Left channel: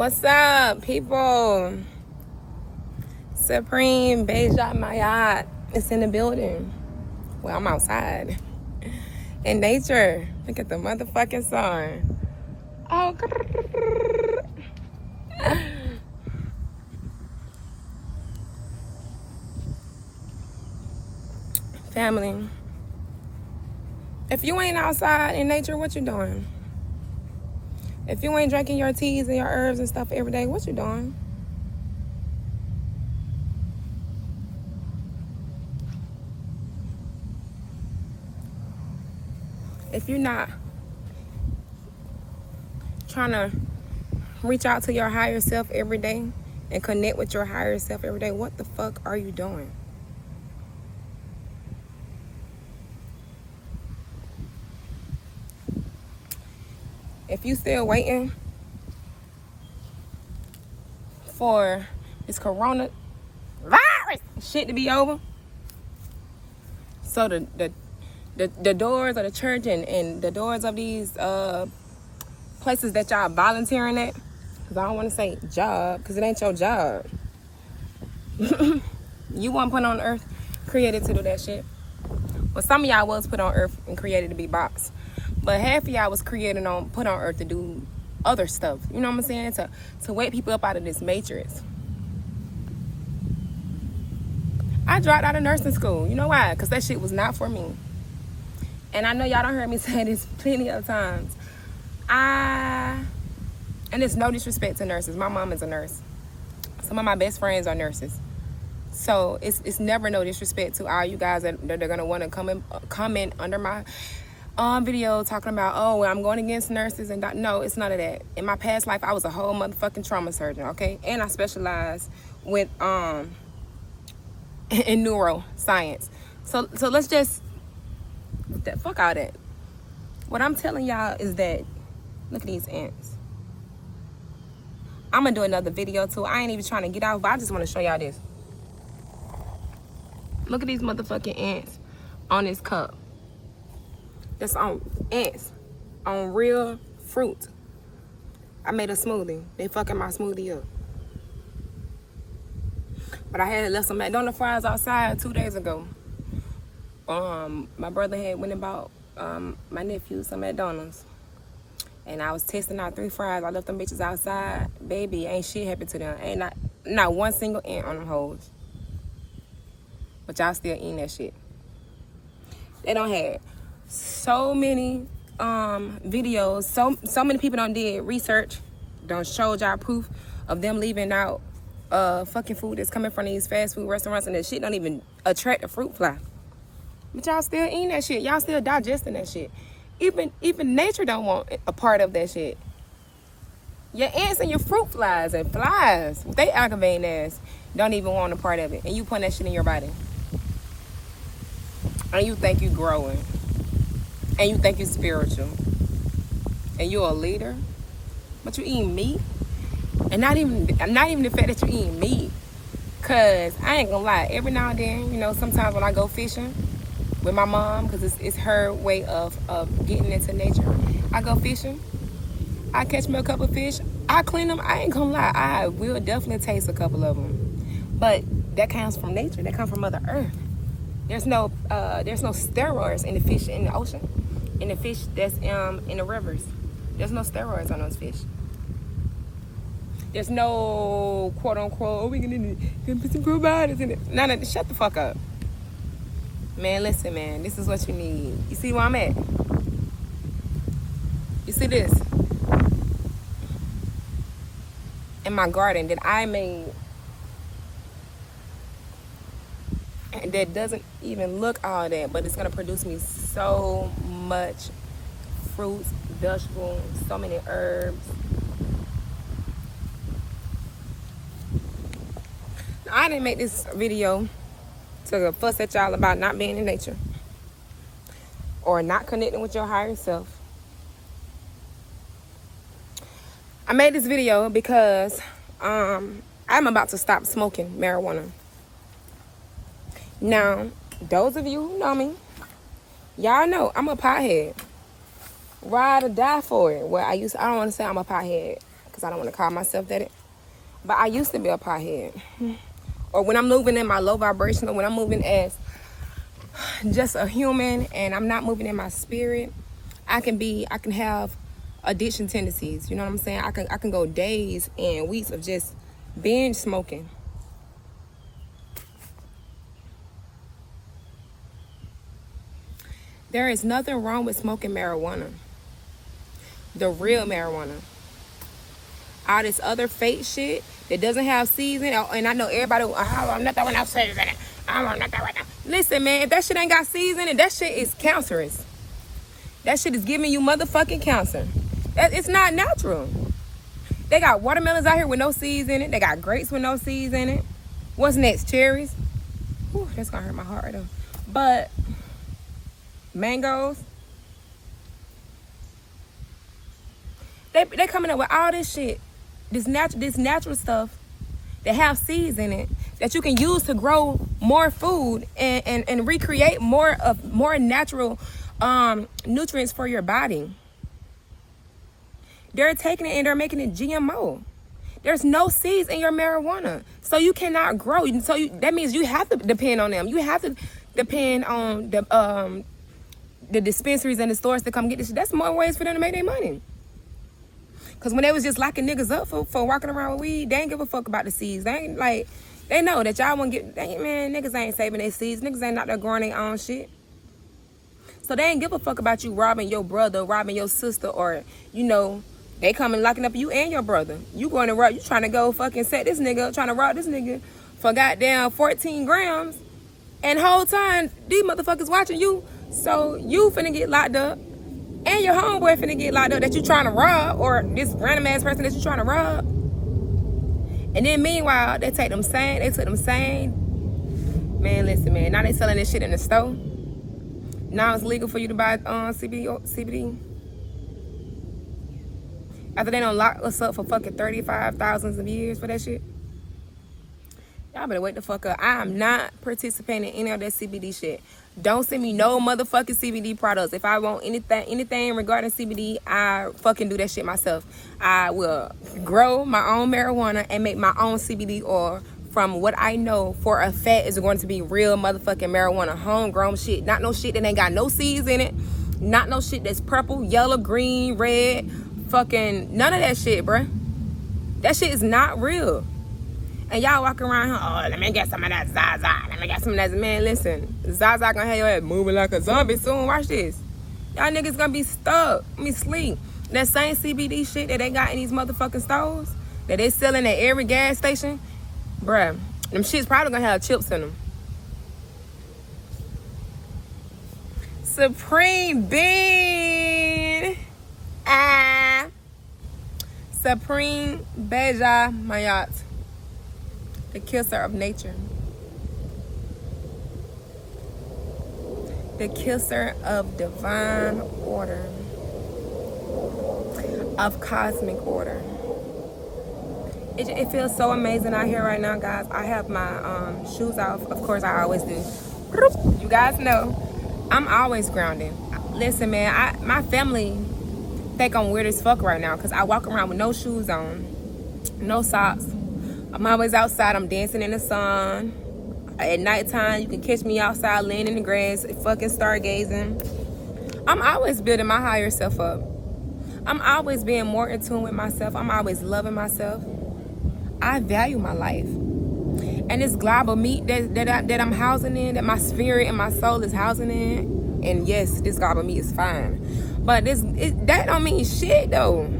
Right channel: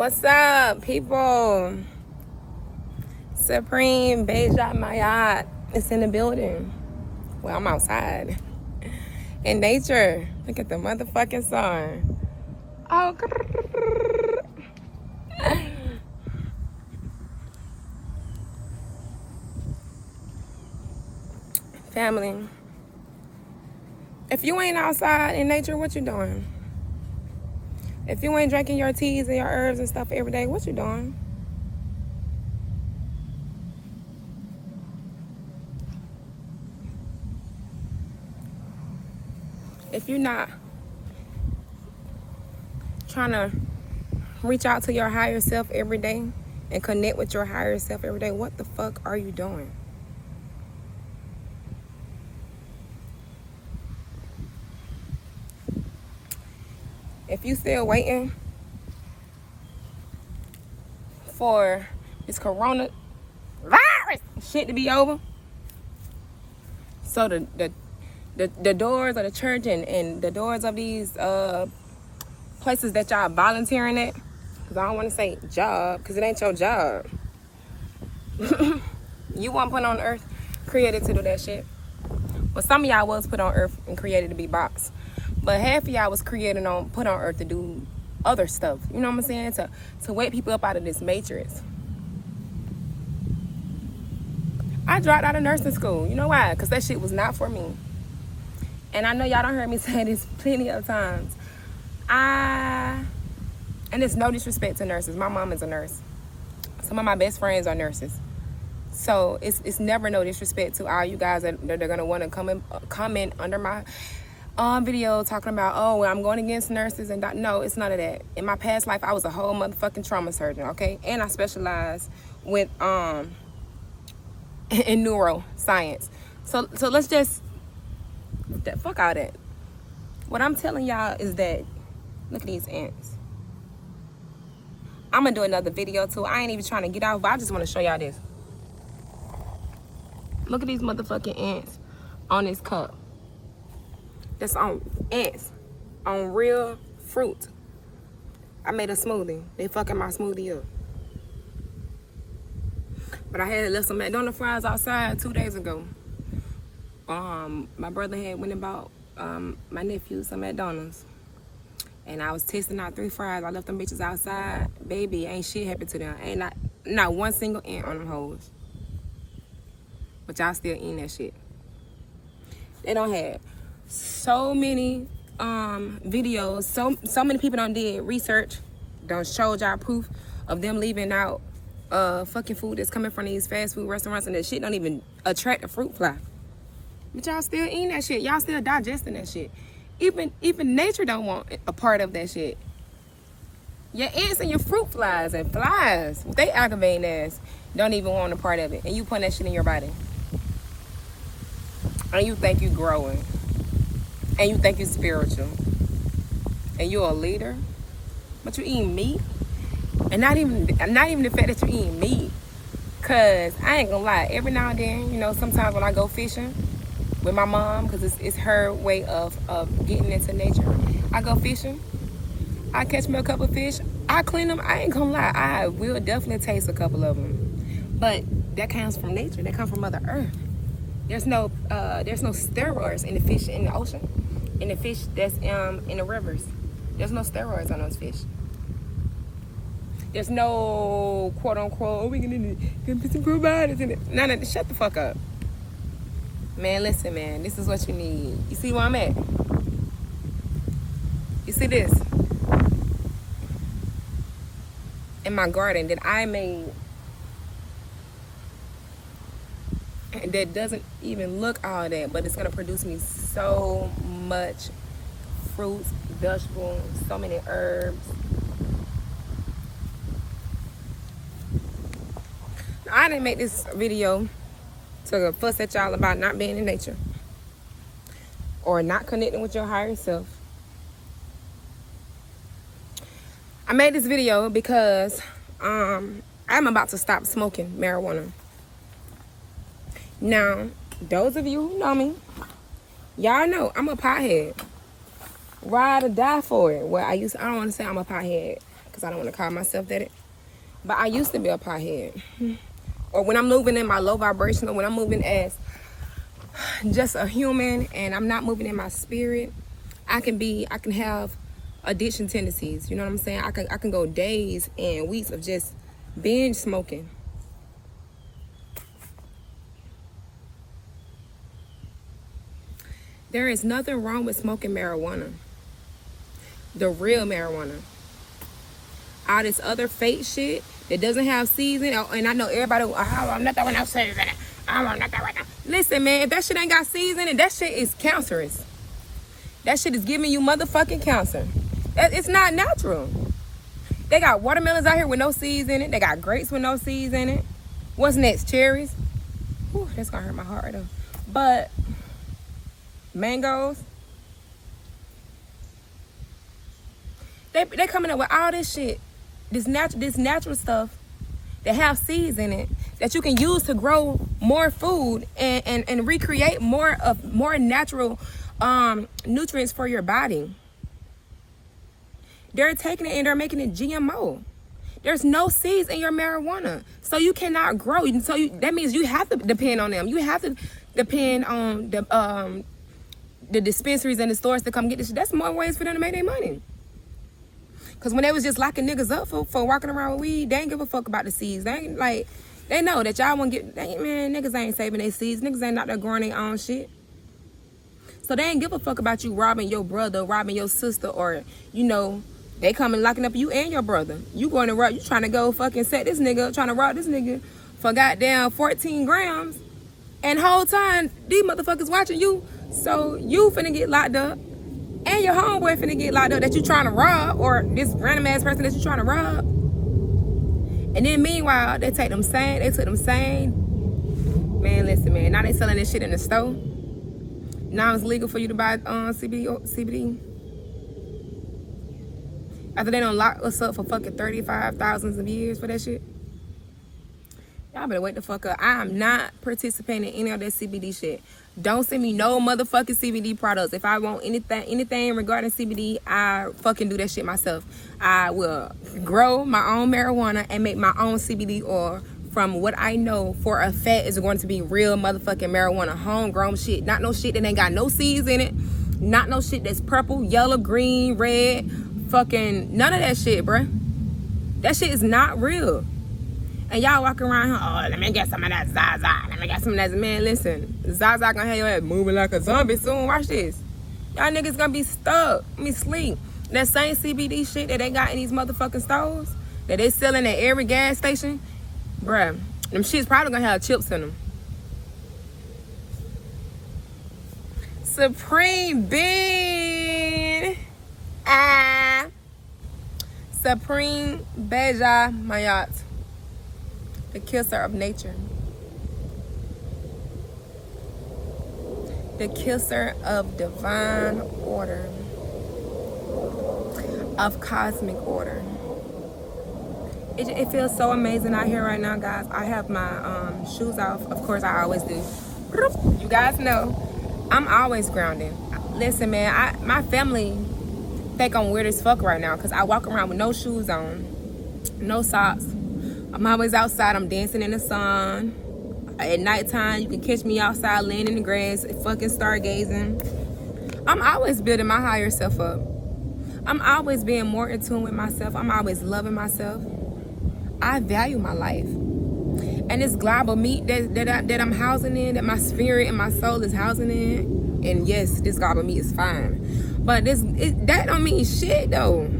What's up, people? Supreme Beja Mayat is in the building. Well, I'm outside. In nature. Look at the motherfucking sun. Oh, family. If you ain't outside in nature, what you doing? If you ain't drinking your teas and your herbs and stuff every day, what you doing? If you're not trying to reach out to your higher self every day and connect with your higher self every day, what the fuck are you doing? If you still waiting for this coronavirus shit to be over, so the doors of the church and the doors of these places that y'all volunteering at, because I don't want to say job, because it ain't your job. You weren't put on earth, created to do that shit. But some of y'all was put on earth and created to be boxed. But half of y'all was put on earth to do other stuff. You know what I'm saying? To wake people up out of this matrix. I dropped out of nursing school. You know why? Because that shit was not for me. And I know y'all don't hear me say this plenty of times. And it's no disrespect to nurses. My mom is a nurse. Some of my best friends are nurses. So it's never no disrespect to all you guys that are gonna want to comment under my video talking about, oh, well, I'm going against nurses and not. No, it's none of that. In my past life, I was a whole motherfucking trauma surgeon, okay? And I specialize with in neuroscience. So let's just fuck all that. What I'm telling y'all is that look at these ants. I'm gonna do another video too. I ain't even trying to get out, but I just want to show y'all this. Look at these motherfucking ants on this cup. That's on ants, on real fruit. I made a smoothie. They fucking my smoothie up. But I had left some McDonald's fries outside 2 days ago. My brother had went and bought my nephew some McDonald's. And I was testing out 3 fries. I left them bitches outside. Baby, ain't shit happened to them. Ain't not one single ant on them hoes. But y'all still eating that shit. They don't have so many videos. So many people done did research. Done showed y'all proof of them leaving out fucking food that's coming from these fast food restaurants, and that shit don't even attract the fruit fly. But y'all still eating that shit. Y'all still digesting that shit. Even nature don't want a part of that shit. Your ants and your fruit flies and flies, they aggravating ass, don't even want a part of it. And you put that shit in your body. And you think you growing. And you think you spiritual. And you're a leader. But you eating meat. And not even the fact that you eating meat. Cause I ain't gonna lie, every now and then, you know, sometimes when I go fishing with my mom, because it's her way of getting into nature. I go fishing. I catch me a couple of fish. I clean them. I ain't gonna lie. I will definitely taste a couple of them. But that comes from nature. That comes from Mother Earth. There's no steroids in the fish in the ocean. In the fish that's in the rivers. There's no steroids on those fish. There's no quote unquote, oh, we gonna put some probiotics in it. None of that. Shut the fuck up. Man, listen, man, this is what you need. You see where I'm at? You see this? In my garden that I made, that doesn't even look all that, but it's gonna produce me so much fruits, vegetables, so many herbs. Now, I didn't make this video to fuss at y'all about not being in nature or not connecting with your higher self. I made this video because I'm about to stop smoking marijuana. Now, those of you who know me, y'all know I'm a pothead. Ride or die for it. Well, I don't want to say I'm a pothead because I don't want to call myself that. But I used to be a pothead. Or when I'm moving in my low vibration, or when I'm moving as just a human and I'm not moving in my spirit, I can have addiction tendencies. You know what I'm saying? I can go days and weeks of just binge smoking. There is nothing wrong with smoking marijuana. The real marijuana. All this other fake shit that doesn't have seasoning, and I know everybody, I'm not that one else seasoning. I'm not that one. Listen, man, if that shit ain't got seasoning, that shit is cancerous. That shit is giving you motherfucking cancer. It's not natural. They got watermelons out here with no seeds in it. They got grapes with no seeds in it. What's next? Cherries? Whew, that's gonna hurt my heart right now. But mangoes. They coming up with all this shit. This natural stuff that have seeds in it that you can use to grow more food and recreate more natural nutrients for your body. They're taking it and they're making it GMO. There's no seeds in your marijuana, so you cannot grow. So that means you have to depend on them. You have to depend on the dispensaries and the stores to come get this shit. That's more ways for them to make their money. Because when they was just locking niggas up for walking around with weed, they ain't give a fuck about the seeds. They ain't like, they know that y'all won't get, man, niggas ain't saving their seeds. Niggas ain't out there growing their own shit. So they ain't give a fuck about you robbing your brother, robbing your sister, or, you know, they coming locking up you and your brother. You going to rob, you trying to go fucking set this nigga up, trying to rob this nigga for goddamn 14 grams. And the whole time, these motherfuckers watching you. So you finna get locked up. And your homeboy finna get locked up that you trying to rob, or this random ass person that you trying to rob. And then meanwhile, they took them same. Man, listen, man. Now they selling this shit in the store. Now it's legal for you to buy CBD. After they done lock us up for fucking 35,000 of years for that shit. Y'all better wake the fuck up. I am not participating in any of that CBD shit. Don't send me no motherfucking CBD products. If I want anything regarding CBD, I fucking do that shit myself. I will grow my own marijuana and make my own CBD oil from what I know for a fact is going to be real motherfucking marijuana. Homegrown shit. Not no shit that ain't got no seeds in it. Not no shit that's purple, yellow, green, red. Fucking none of that shit, bruh. That shit is not real. And y'all walking around here, oh, let me get some of that Zaza. Let me get some of that. Man, listen. Zaza gonna have your ass moving like a zombie soon. Watch this. Y'all niggas gonna be stuck. Sleep. That same CBD shit that they got in these motherfucking stores, that they selling at every gas station, bruh, them shits probably gonna have chips in them. Supreme Bean. Supreme Beja Mayat. The kisser of nature. The kisser of divine order. Of cosmic order. It feels so amazing out here right now, guys. I have my shoes off. Of course, I always do. You guys know, I'm always grounded. Listen, man, my family think I'm weird as fuck right now because I walk around with no shoes on, no socks. I'm always outside. I'm dancing in the sun. At nighttime, you can catch me outside laying in the grass, fucking stargazing. I'm always building my higher self up. I'm always being more in tune with myself. I'm always loving myself. I value my life. And this global meat that I'm housing in, that my spirit and my soul is housing in, and yes, this global meat is fine. But that don't mean shit, though.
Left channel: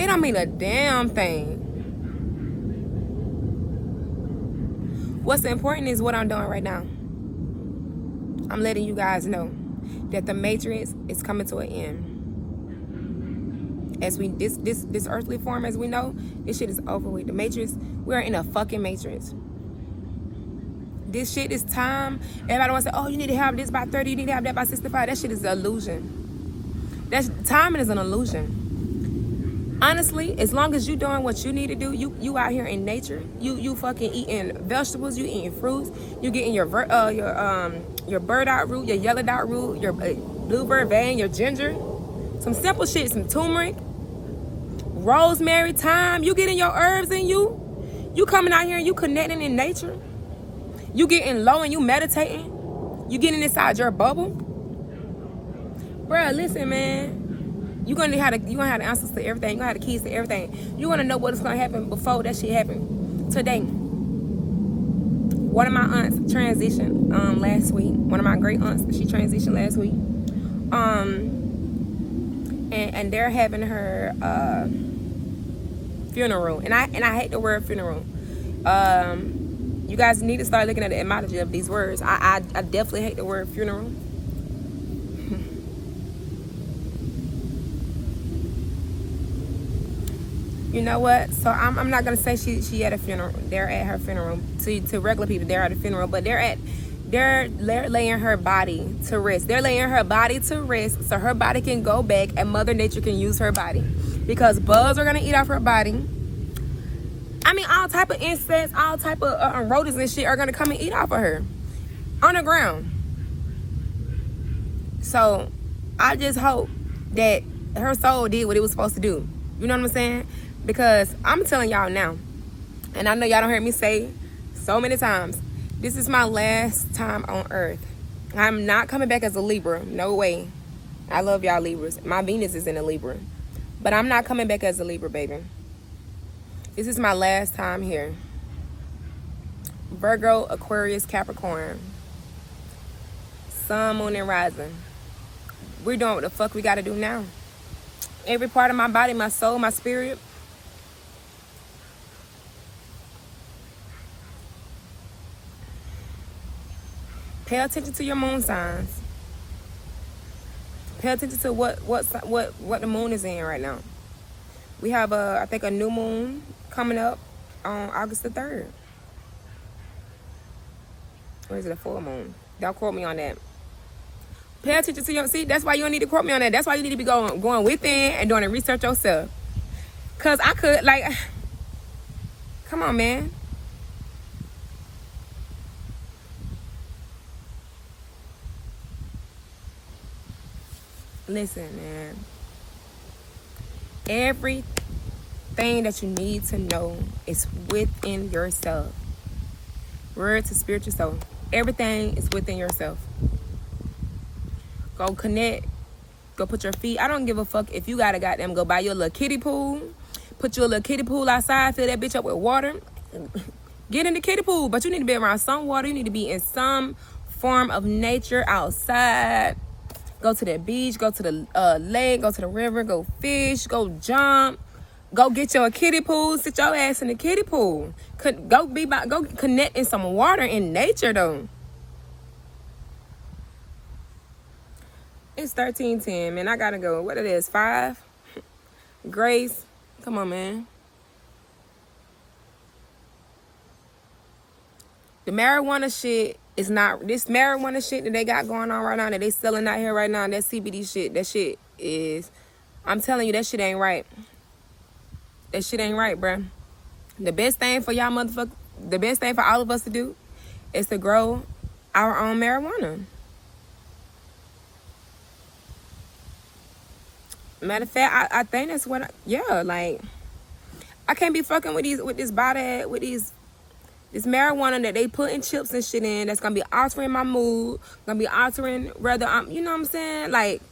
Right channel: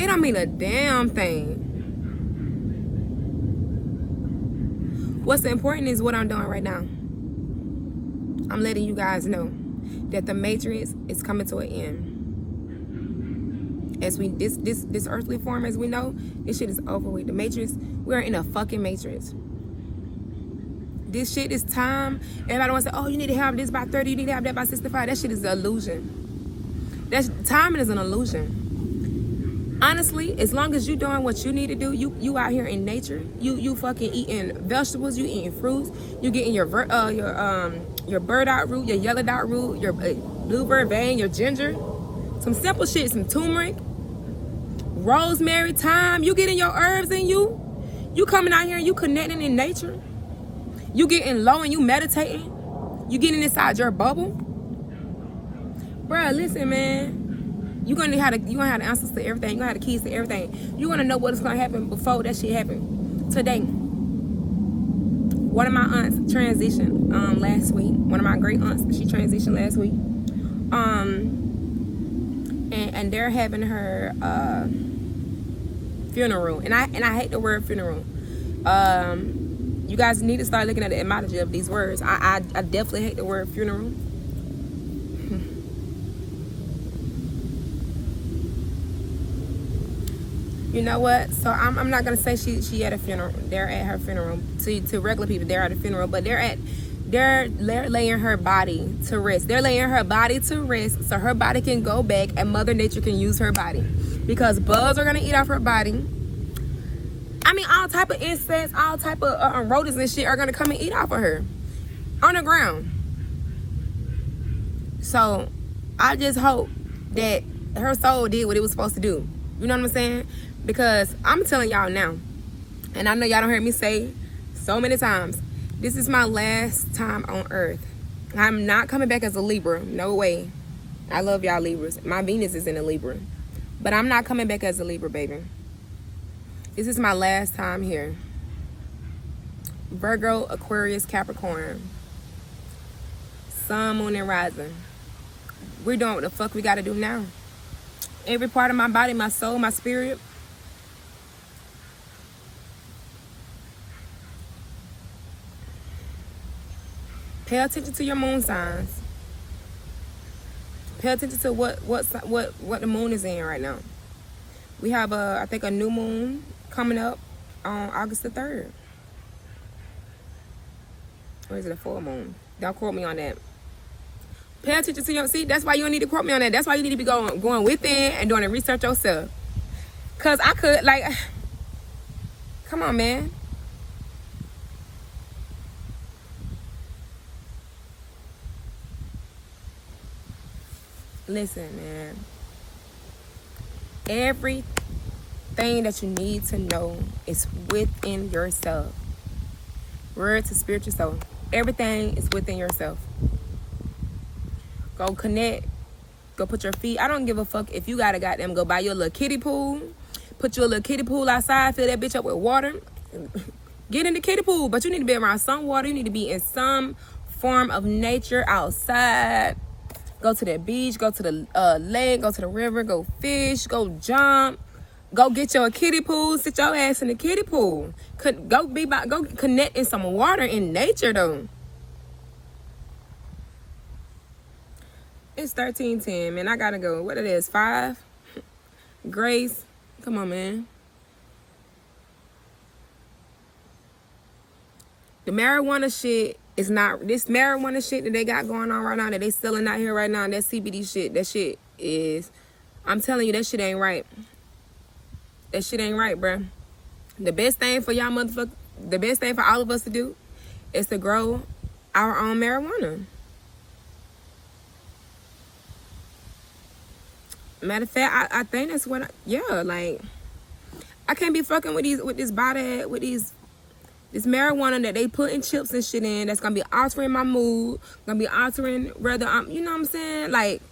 It don't mean a damn thing. What's important is what I'm doing right now. I'm letting you guys know that the matrix is coming to an end. As this earthly form, as we know, this shit is over with. The matrix, we're in a fucking matrix. This shit is time. Everybody wants to say, oh, you need to have this by 30, you need to have that by 65. That shit is an illusion. Timing is an illusion. Honestly, as long as you doing what you need to do, you out here in nature, you fucking eating vegetables, you eating fruits, you getting your burdock root, your yellow dot root, your blueberry vein, your ginger, Some simple shit, some turmeric, rosemary, thyme. You getting your herbs in you. You coming out here and you connecting in nature. You getting low and you meditating. You getting inside your bubble. Bruh, listen, man. You gonna have the answers to everything. You gonna have the keys to everything. You wanna know what's gonna happen before that shit happen. Today, one of my aunts transitioned last week. One of my great aunts, she transitioned last week. And they're having her funeral. And I hate the word funeral. You guys need to start looking at the etymology of these words. I definitely hate the word funeral. You know what? So I'm not gonna say she at a funeral. They're at her funeral. To regular people, they're at a funeral, but they're laying her body to rest. They're laying her body to rest so her body can go back and Mother Nature can use her body. Because bugs are gonna eat off her body. I mean, all type of insects, all type of rodents and shit are gonna come and eat off of her on the ground. So I just hope that her soul did what it was supposed to do. You know what I'm saying? Because I'm telling y'all now, and I know y'all don't hear me say so many times, this is my last time on earth. I'm not coming back as a Libra. No way. I love y'all Libras. My Venus is in a Libra. But I'm not coming back as a Libra, baby. This is my last time here. Virgo, Aquarius, Capricorn. Sun, Moon, and Rising. We're doing what the fuck we gotta do now. Every part of my body, my soul, my spirit. Pay attention to your moon signs. Pay attention to what the moon is in right now. We have I think a new moon coming up on August the 3rd. Or is it a full moon? Don't quote me on that. Pay attention to your, see, that's why you don't need to quote me on that. That's why you need to be going within and doing the research yourself. Cause I could, like, come on, man. Listen, man. Everything that you need to know is within yourself. Word to spiritual soul. Everything is within yourself. Go connect. Go put your feet. I don't give a fuck if you gotta goddamn go buy your little kiddie pool. Put your little kiddie pool outside. Fill that bitch up with water. Get in the kiddie pool. But you need to be around some water. You need to be in some form of nature outside. Go to the beach. Go to the lake. Go to the river. Go fish. Go jump. Go get your kiddie pool. Sit your ass in the kiddie pool. Go connect in some water in nature though. It's 13:10, man. I gotta go. What it is? 5? Grace. Come on, man. The marijuana shit is not, this marijuana shit that they got going on right now, that they selling out here right now, that CBD shit, that shit is, I'm telling you, that shit ain't right. That shit ain't right, bruh. The best thing for y'all motherfuckers, the best thing for all of us to do is to grow our own marijuana. Matter of fact, I think that's what like, I can't be fucking with this marijuana that they putting chips and shit in that's gonna be altering my mood, gonna be altering whether I'm, you know what I'm saying? Like,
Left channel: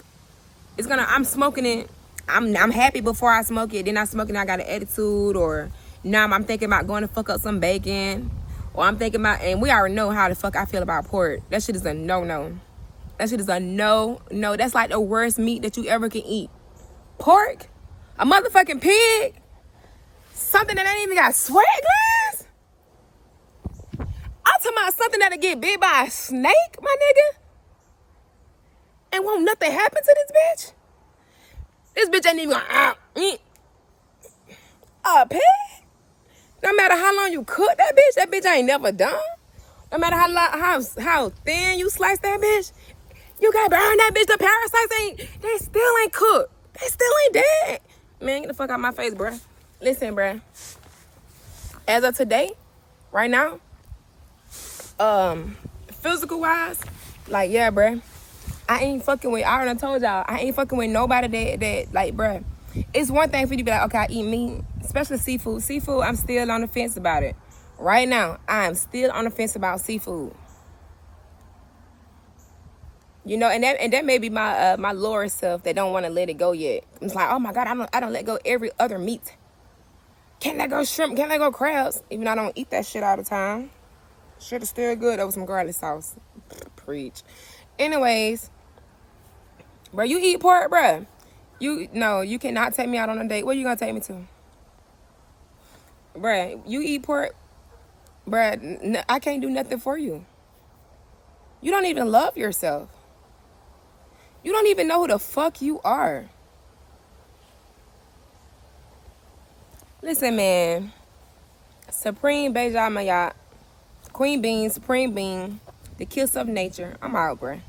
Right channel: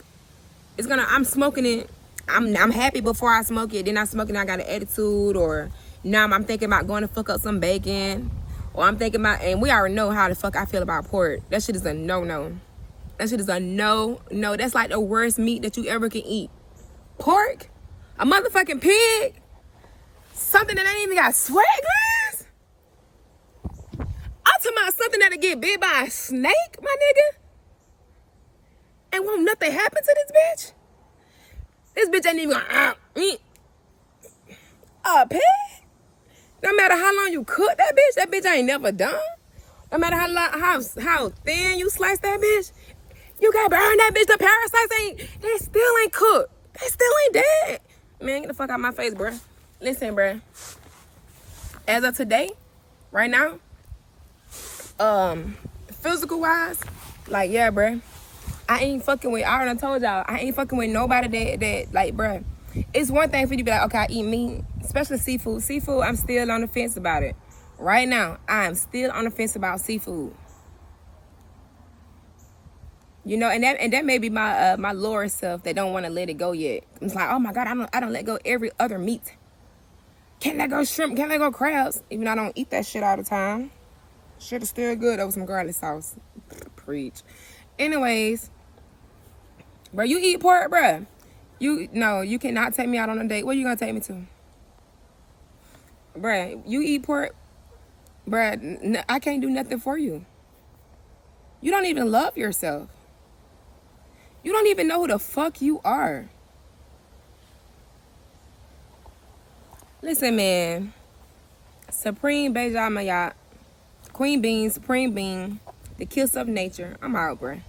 I'm smoking it, I'm happy before I smoke it, then I smoke it and I got an attitude, or now I'm thinking about going to fuck up some bacon, or I'm thinking about, and we already know how the fuck I feel about pork. That shit is a no-no. That shit is a no-no. That's like the worst meat that you ever can eat. Pork? A motherfucking pig? Something that ain't even got sweat glands? I'm talking about something that'll get bit by a snake, my nigga? And won't nothing happen to this bitch? This bitch ain't even gonna eat a pig? No matter how long you cook that bitch ain't never done. No matter how thin you slice that bitch, you gotta burn that bitch. The parasites they still ain't cooked. They still ain't dead. Man, get the fuck out my face, bruh. Listen, bruh. As of today, right now, physical wise, like, yeah, bruh. I ain't fucking with, I already told y'all, I ain't fucking with nobody that like, bruh. It's one thing for you to be like, okay, I eat meat, especially seafood. Seafood, I'm still on the fence about it. Right now, I am still on the fence about seafood. You know, and that may be my my lower self that don't want to let it go yet. It's like, oh my God, I don't let go every other meat. Can't let go shrimp, can't let go crabs. Even though I don't eat that shit all the time. Shit is still good over some garlic sauce. Preach. Anyways, bro, you eat pork, bro. You cannot take me out on a date. Where you gonna take me to? Bruh, you eat pork, bruh, I can't do nothing for you. You don't even love yourself. You don't even know who the fuck you are. Listen, man. Supreme Beja Mayat. Queen Bean, Supreme Bean. The kiss of nature. I'm out, bruh.